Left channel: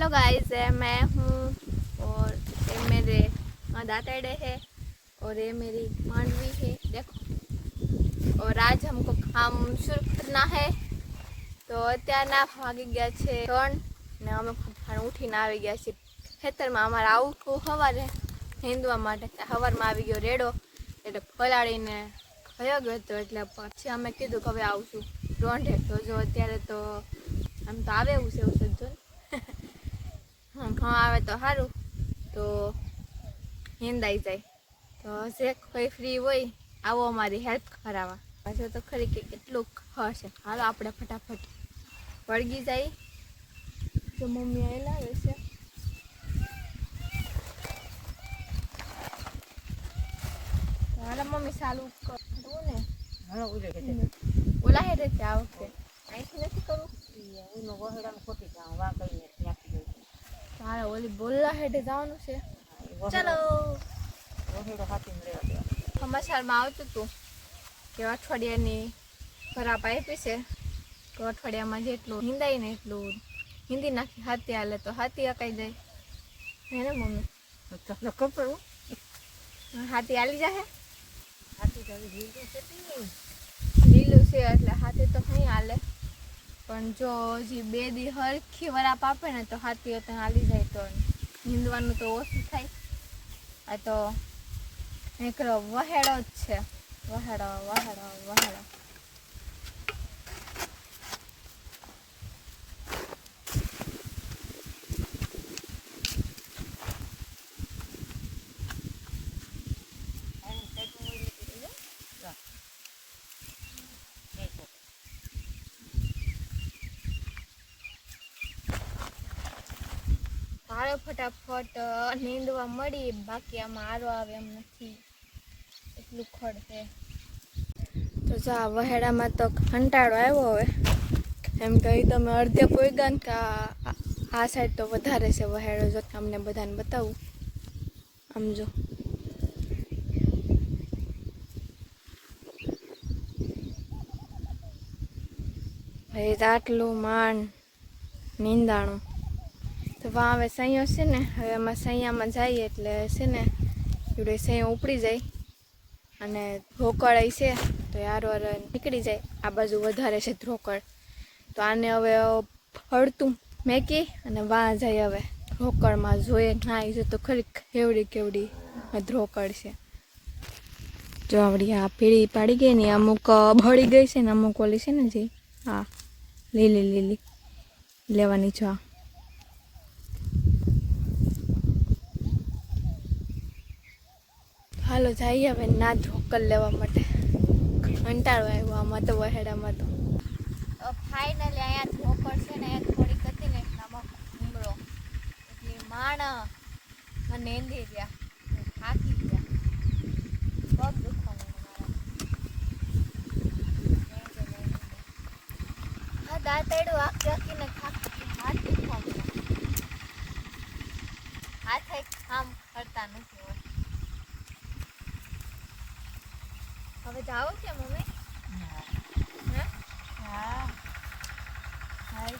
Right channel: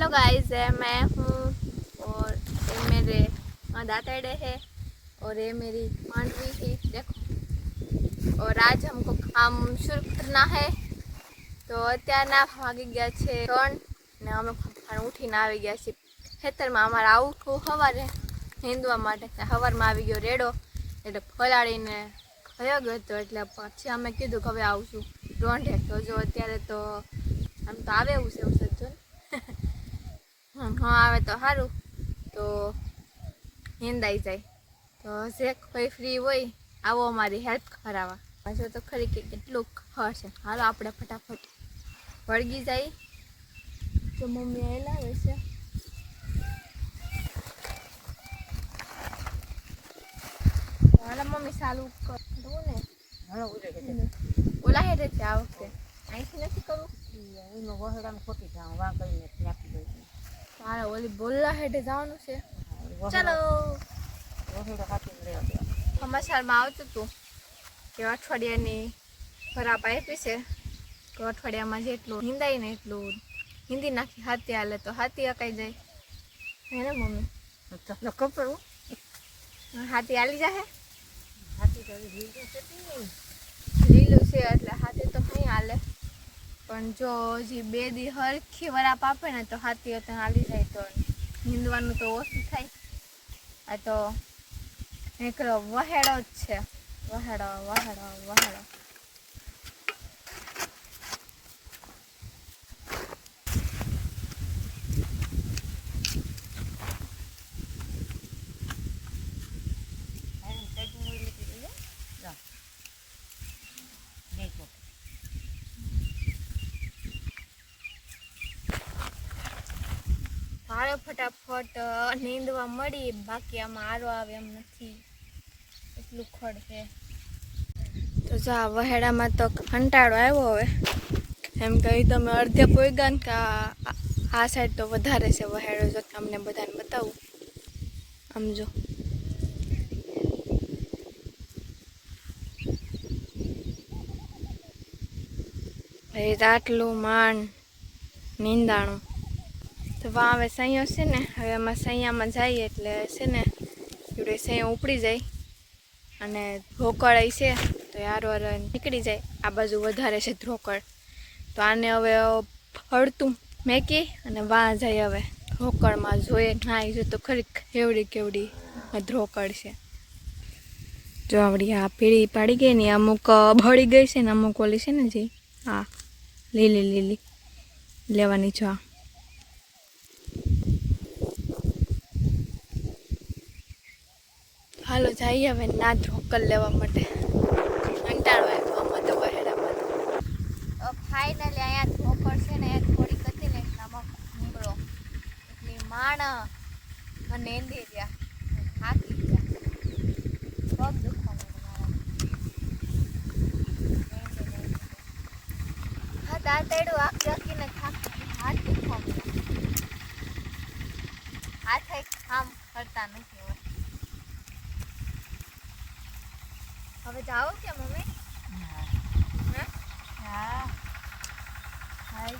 Hello guys, मैं हूँ और ये मेरे दाताड़े है और ये मेरी मांडवी है। देखो, और आज हमको काम शुरू करना है। तो અત્યારના વાગી ગયા છે 3 ને અમે ઉઠીને આવી ગયા છીએ ખેતરમાં। અમારે આવું હતું સવારે નીંદવા માટે, સવારમાં આવી ગયો રેડો એટલે ફલાડીને ગયો ગયો હતો, એટલે પછી અમે કીધું કે હવે આવશું રોંઢે। તો જો અત્યારે તો આમ તો આવે એવું છે, એવું સજ્જો હા આવે તો સારું, તો નીંદાઈ જાય। તો જે કોઈ ફ્રી હોય આવો અમારી હેલ્પ કરાવવા। પાછો તો ખરી કે કેટલું હશે। હાલો આપણે ફટાફટ વળગી જાય। જો મમ્મી આવેલા આવે છે, હાલો મમ્મી ચાલુ કરવું ને। ઓલા હેઠે છે આ વખતે, અહીંથી નથી કરવું। એનો વહેડામાં ખોટી જાઉં વા કરીને ત્યાંથી ગઈ તારે ઓલી બોલા હેઠે જવાનું છે। ચાલો વહેડો હાથીને રહેવા દેવા। સમાચારમાં આવતું હતું કે અઠવાડિયાની ખરાબ આપી છે, તો અઠવાડિયામાં જેટલું હિંદાય ને એટલું હિંદી નાખી હાથી હાલે તો હાથી અકાઈ જાય, હે ને મમ્મી? ચાલો ખબર હાથી હાલી જાય। હાથી તો લીલું છે લીલું છે એટલે હાથી તો નહીં હાલે, પણ જો હજી 2 દી હરખી વરાપ આપે ને તો હાથી અત્યારે હાલી જાય, તો નીંદવાનું તો ઓછું થાય। આ તો એકલો વહેડો જ છે, વહેડો વહેડો વહેડો। હાલો ફટાફટ નીંદવા મળી, બાકી આમાં આરો આવે એમ નથી, એટલું ખડ છે। તો જા વહેડામાં તો કંટાળો આવ્યો હવે, એમ કહી તમે અડધે પોઈગા ને કે આ સાઈડ તો વધારે છે વહેડો। જો તમને બધાને બતાવું, આમ જો ભાઈ આટલું માંડ નીંદાણું। તો વાં હવે સૈયો છે ને, હવે એમાં સૈયામાં જઈએ એટલે છે ને એવડે સૈયો ઉપડી જાય અને ધ્રોકળ છે તો યાર નીકળી જાય। આ બાજુ વધારે છે ધ્રોકળ, તો આને હવે ફળતું મેકી અને વાં જાય હવે ધ્રોકળમાં જોઈએ નાઈ જો તો ખરી કેવડી કેવડી ધ્રોકળ છે। જો આવડી આ પીળી પાડી ગઈ ને, અમુક બળી ગઈ છે ને અમુક ઓલી છે ને જે હા લીલી લીલી લેવાની। જો હાલો જઈએ હવે ના ધ્રોકલ લેવા માટે, કંટાળો આવ્યો આમાં તો વહેડામાં તો। ફાઇનલી અહીંયા ધ્રોકળ છે ને થોડીક હતી ને એટલામાં ભૂંગળો એટલે માણ અને એંધી ગયા, થાકી ગયા, પગ દુખવા માંડ્યા મારા। હા દાંતેડું આંખ રાખીને થાકી, હાથ દુખવા માંડ્યા, હાથે કામ કરતા નથી હવે। હવે જાઓ કે મમ્મી? હા હાય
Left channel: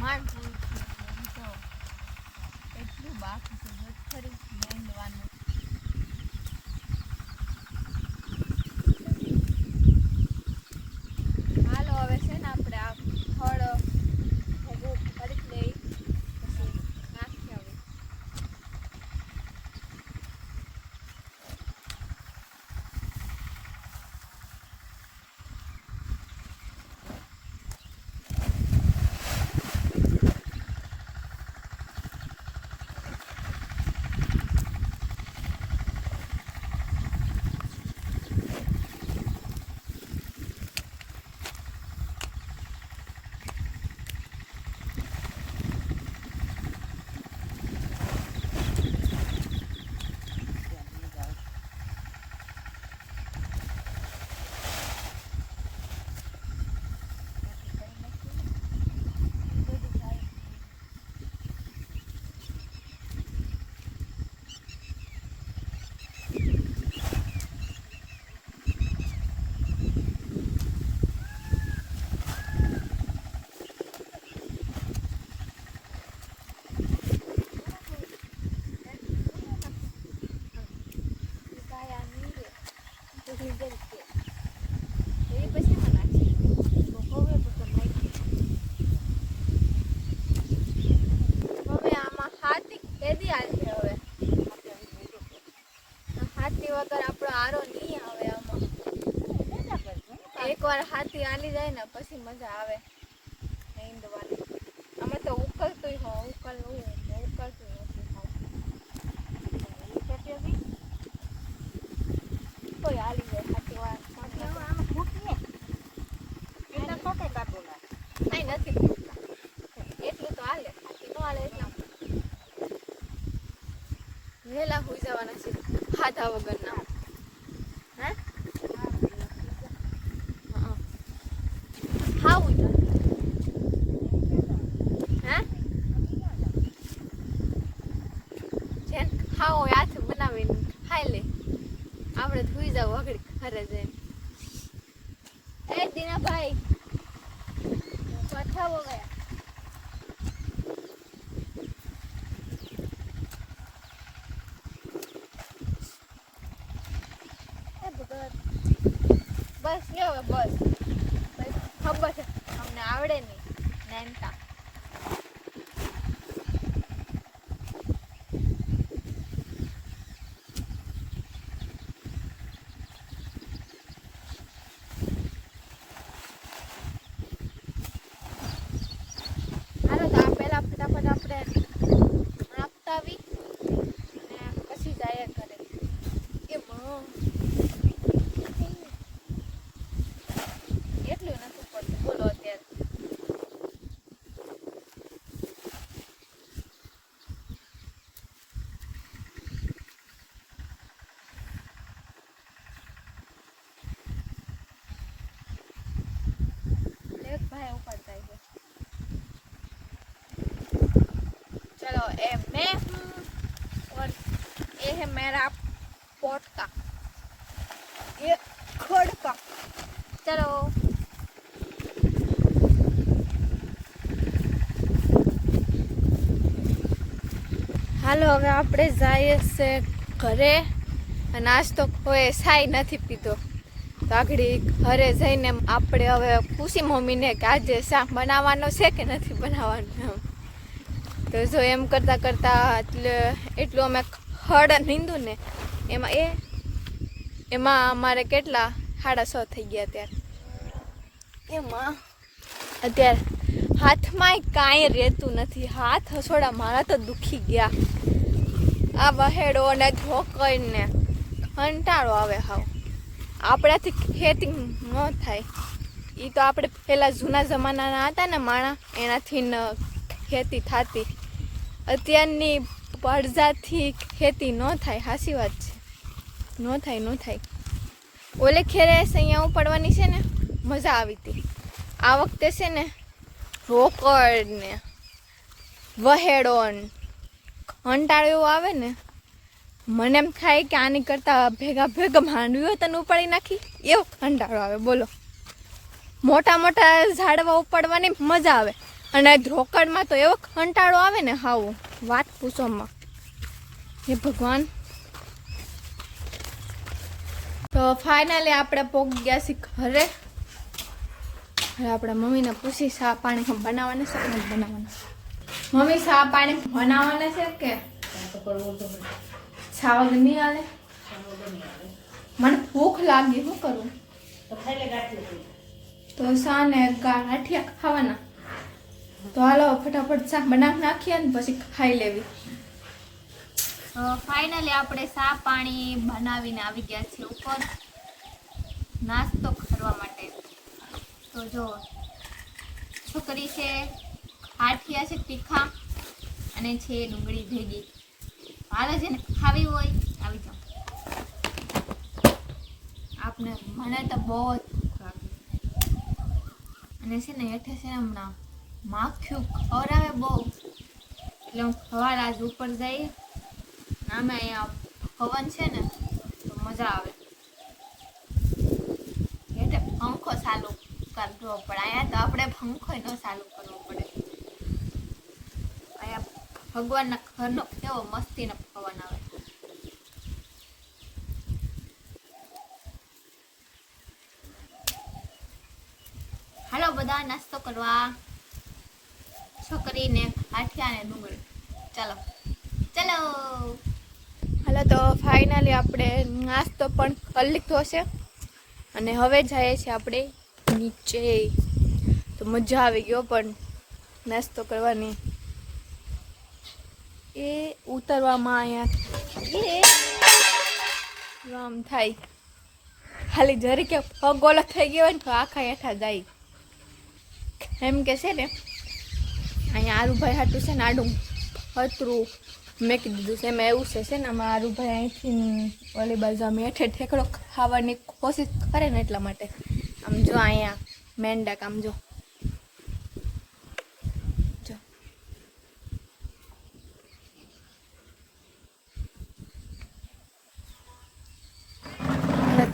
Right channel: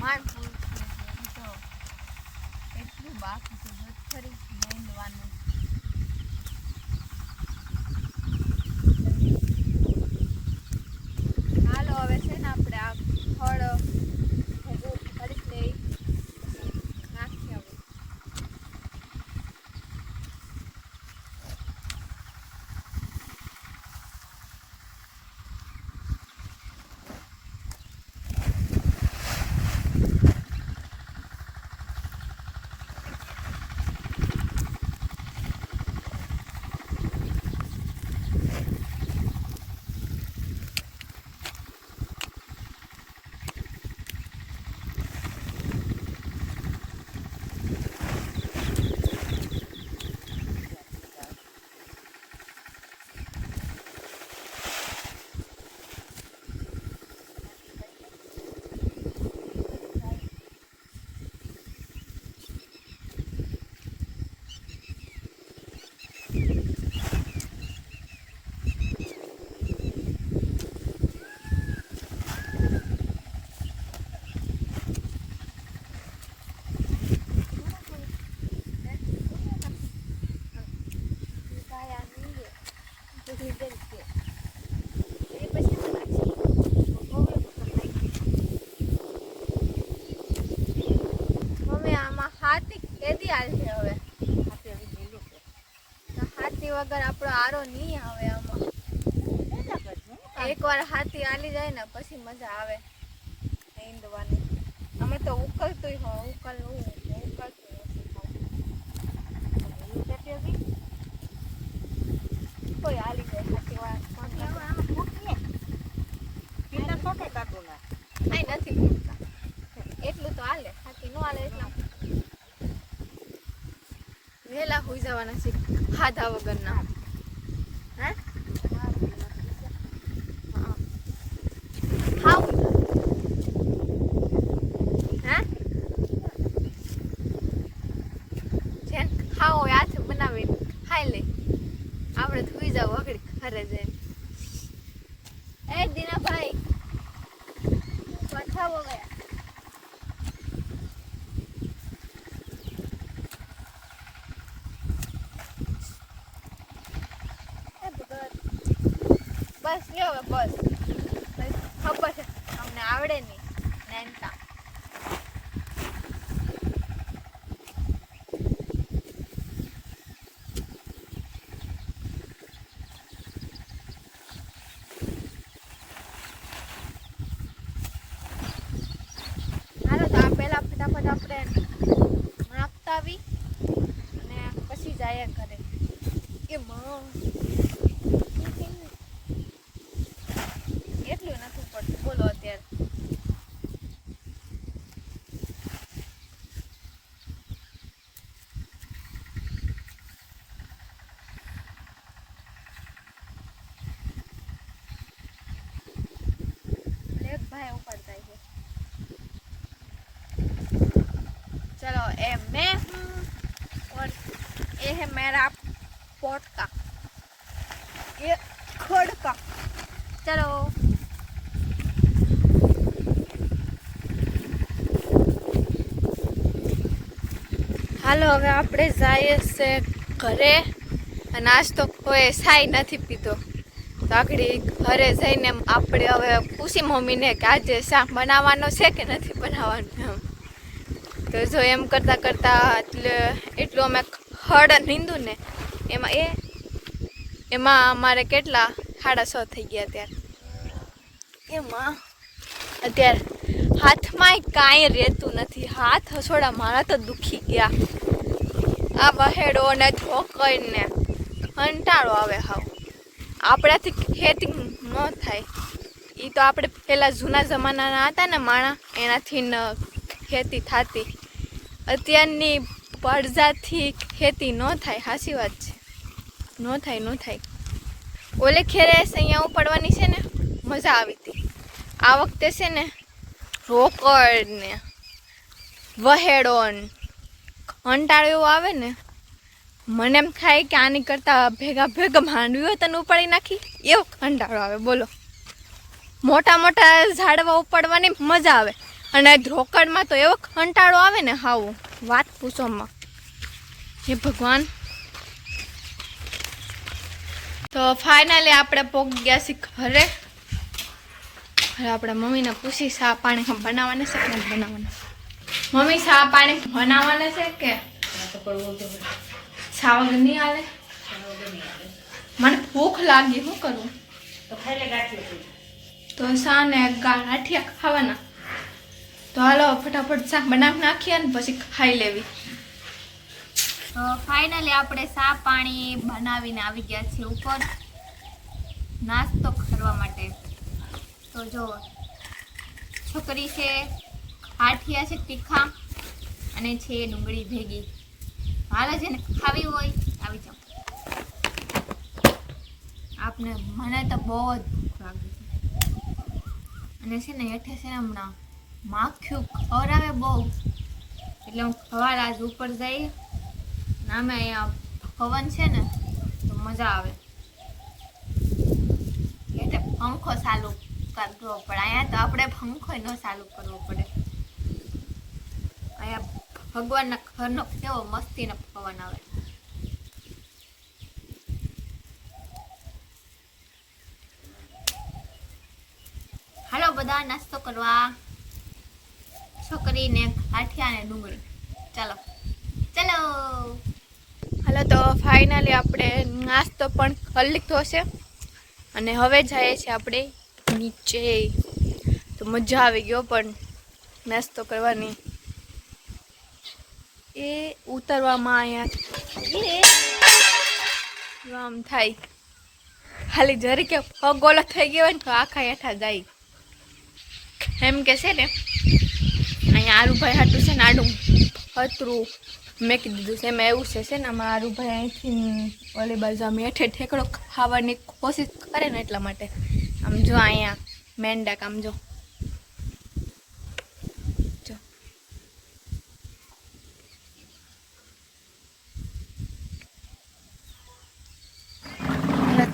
માંડ પૂરું થયું છે, એમ તો એટલું બાકી છે ખરી નીંદવાનું। હાલો હવે છે ને આપણે આ ફળ ભેગું કરી લઈ નાખી હવે। ની જેમ છે એ પછી એમાં નાખી. તો હવે તો નાખી મમ્મી આમાં હાથી કેદી આવશે હવે? હાથે આવી ગયું છે તો હાથી વગર આપણો આરો નહીં આવે આમાં. કેટલા કરજો એકવાર હાથી આલી જાય ને પછી મજા આવે હિંદવાની. અમે તો ઉકલતું ઉકલતું નથી કોઈ આલી જાય હાથી વાર આમાં ફૂટીએ કેટલા સોટે કાઢો ના કાંઈ નથી પૂછતા. એટલું તો હાલે, હાથી નો હાલે એટલા વહેલા હોઈ જવાના છે ખાધા વગરના. હે ખાવું હે જેન ખાવો હોય હાથે બનાવીને ખાઈ લે. આપણે થોઈ જાવ આગળ ઘરે જઈને. એ દીનાભાઈ પથાવો ગયા. બસ લ્યો હવે બસ ખબર છે અમને આવડે નહીં નાનતા. હાલો તો આ પહેલા ફટાફટ આપણે નાખતા આવી અને પછી જાય ઘરે. એ એટલું નથી પડતું બોલો અત્યારે. એક ભાઈ ઉપાડતા છે. चलो ए मैं हूँ और ये है मेरा पोटका, ये खड़का. चलो હાલો હવે આપણે જઈએ છે ઘરે. આજ તો કોઈ સાઈ નથી પીધો તો આગળ ઘરે જઈને આપણે હવે પૂછી મમ્મીને કે આજે શાક બનાવવાનો છે કે નથી બનાવવાનું એમ. તો જો એમ કરતાં કરતાં એટલું અમે ખડ નીંદું ને એમાં અમારે કેટલા 6:30 થઈ ગયા ત્યારે. એમાં અત્યારે હાથમાંય કાંઈ રહેતું નથી. હાથ હસોડા મારા તો દુખી ગયા. આ વહેડો ને ધોકઈને કંટાળો આવે. હાવ આપણાથી ખેતી ન થાય. એ તો આપણે પહેલાં જૂના જમાનાના હતા ને માણા એનાથી ખેતી થતી. અત્યારની પડજાથી ખેતી ન થાય. સાચી વાત છે, ન થાય. ઓલે ખેરે અહીંયા ઉપાડવાની છે ને મજા આવી હતી. આ વખતે છે ને રોકડ ને વહેડો કંટાળો એવો આવે ને મને એમ થાય કે આની કરતાં ભેગા માંડવીઓ તને ઉપાડી નાખી એવો કંટાળો આવે. બોલો મોટા મોટા ઝાડવા ઉપાડવાની મજા આવે અને રોકડમાં તો એવો કંટાળો આવે ને હાવ વાત પૂછોમાં. હે ભગવાન. તો ફાઇનલી આપણે પહોંચી ગયા છીએ ઘરે. હવે આપણે મમ્મીને પૂછી શા પાણી બનાવવાના છે કે નથી બનાવવાના. મમ્મી શા પાણી બનાવવાના છે કે શા વગર નહીં હાલે? મને ભૂખ લાગી, શું કરું? તો ખાઈ લે ગાંઠિયા. તો શા ને ગાંઠિયા ખાવાના. તો હાલો ફટાફટ શાક બનાવી નાખીએ ને પછી ખાઈ લેવી. ફાઇનલી આપણે શા પાણી બનાવીને આવી ગયા છીએ ઉપર નાસ્તો કરવા માટે. તો જો છોકરી છે, ગાંઠિયા છે તીખા અને છે ડુંગળી ભેગી. હાલો જેને ખાવી હોય આવી જાઓ. આપને મને તો બહુ જ ભૂખ લાગી અને છે ને હેઠે છે ને હમણાં માખ્યું ખવડાવે બહુ એટલે હું ખવાર આજ ઉપર જઈ નામે અહીંયા પવન છે ને તો મજા આવે. એટલે પંખો ચાલુ કરવો પડે. અહીંયા તો આપણે પંખો ન ચાલુ કરવો પડે. અહીંયા ભગવાનના ઘરનો કેવો મસ્તીનો પવન આવે. બધા નાસ્તો કરવા. છોકરીને ગાંઠિયા ને ડુંગળી. ચાલો ચાલો. હાલો તો ફાઇનલી આપણે નાસ્તો પણ કરી લીધો છે અને હવે જઈએ છીએ આપણે નીચે. તો મજા આવી ગયો પણ નાસ્તો કરવાની. એ ઉતરવામાં અહીંયા આમ થાય ખાલી જરી કે પગ ઓલો થઈ ગયો હોય ને તો આખા હેઠા જાય. એમ કે છે ને અહીંયા આરુભાઈ હાટું છે ને આડું હતરું મેં કીધું છે એમાં એવું છે ને આમાં આરુભાઈ અહીંથી ઓલી બાજુ આમ હેઠે ઠેકડો ખાવાની કોશિશ કરે ને એટલા માટે. આમ જો અહીંયા મેંડાક આમ જો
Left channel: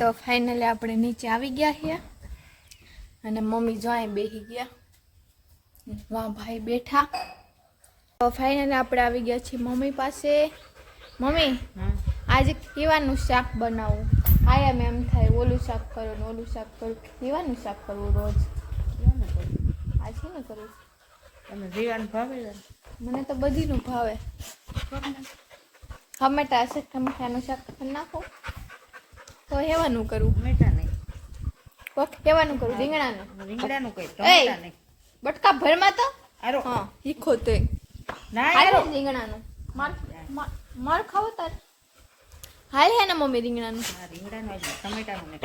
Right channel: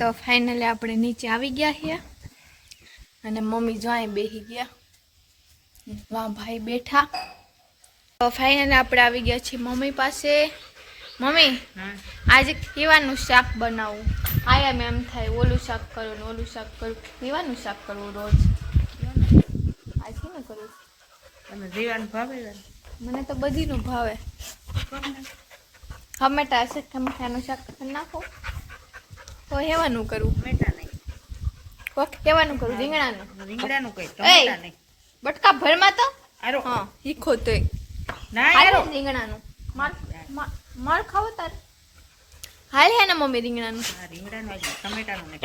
તો ફાઇનલી આપણે નીચે આવી ગયા છીએ અને મમ્મી જો અહીં બેસી ગયા. વાહ ભાઈ બેઠા. તો ફાઇનલી આપણે આવી ગયા છીએ મમ્મી પાસે. મમ્મી આજે કેવાનું શાક બનાવું? આયા મેં એમ થાય ઓલું શાક કરો ને ઓલું શાક કરું. કેવાનું શાક કરવું રોજ? આ શેનું કરું? તમે જીવાનું ભાવે? મને તો બધીનું ભાવે. ટમેટા હશે ટમેટાનું શાક નાખો તો હેવાનું કરું. ટમેટા નહીં. કોક હેવાનું કરું. રીંગણાનું. રીંગણાનું કઈ ટમેટા નહીં. બટકા ભરમાં તો આરો હા હીખો તોય ના હાલે આરો રીંગણાનું. માર ખાવો તાર હાલે હે ને મમ્મી રીંગણાનું. હા રીંગણાનું આજે ટમેટાનું નહીં.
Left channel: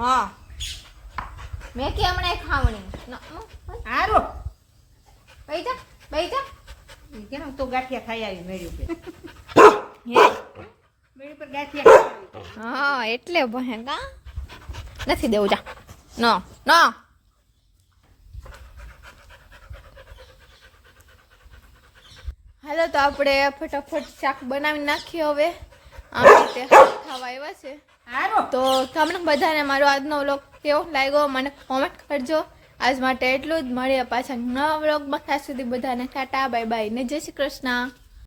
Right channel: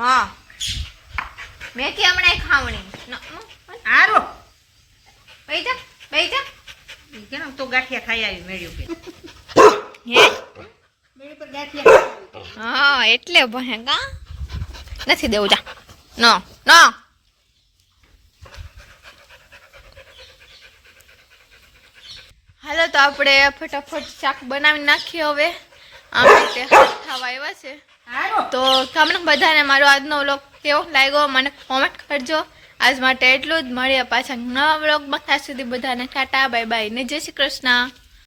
હા મેં કે હમણાં ખાવણી આરો બેઈ જા કેમ તો ગાંઠિયા ખાઈ આવી મેળ્યું કે હે મેળી પર ગાંઠિયા ખાઈ આવી. હા એટલે ભણે કા નથી દેવું જા નો નો. હાલો તો આપણે ફટાફટ શાક બનાવી નાખીએ હવે. આમ રીતે ખાવા આવ્યા છે આરો તો તમને બધાને મારો આજનો વ્લોગ કેવો લાગ્યો મને કોમેન્ટ કરજો. આજ માટે એટલું જ. મળીએ પાછા નવા વ્લોગમાં. ત્યાં સુધી બધાને ટાટા બાય બાય ને જય શ્રી કૃષ્ણ.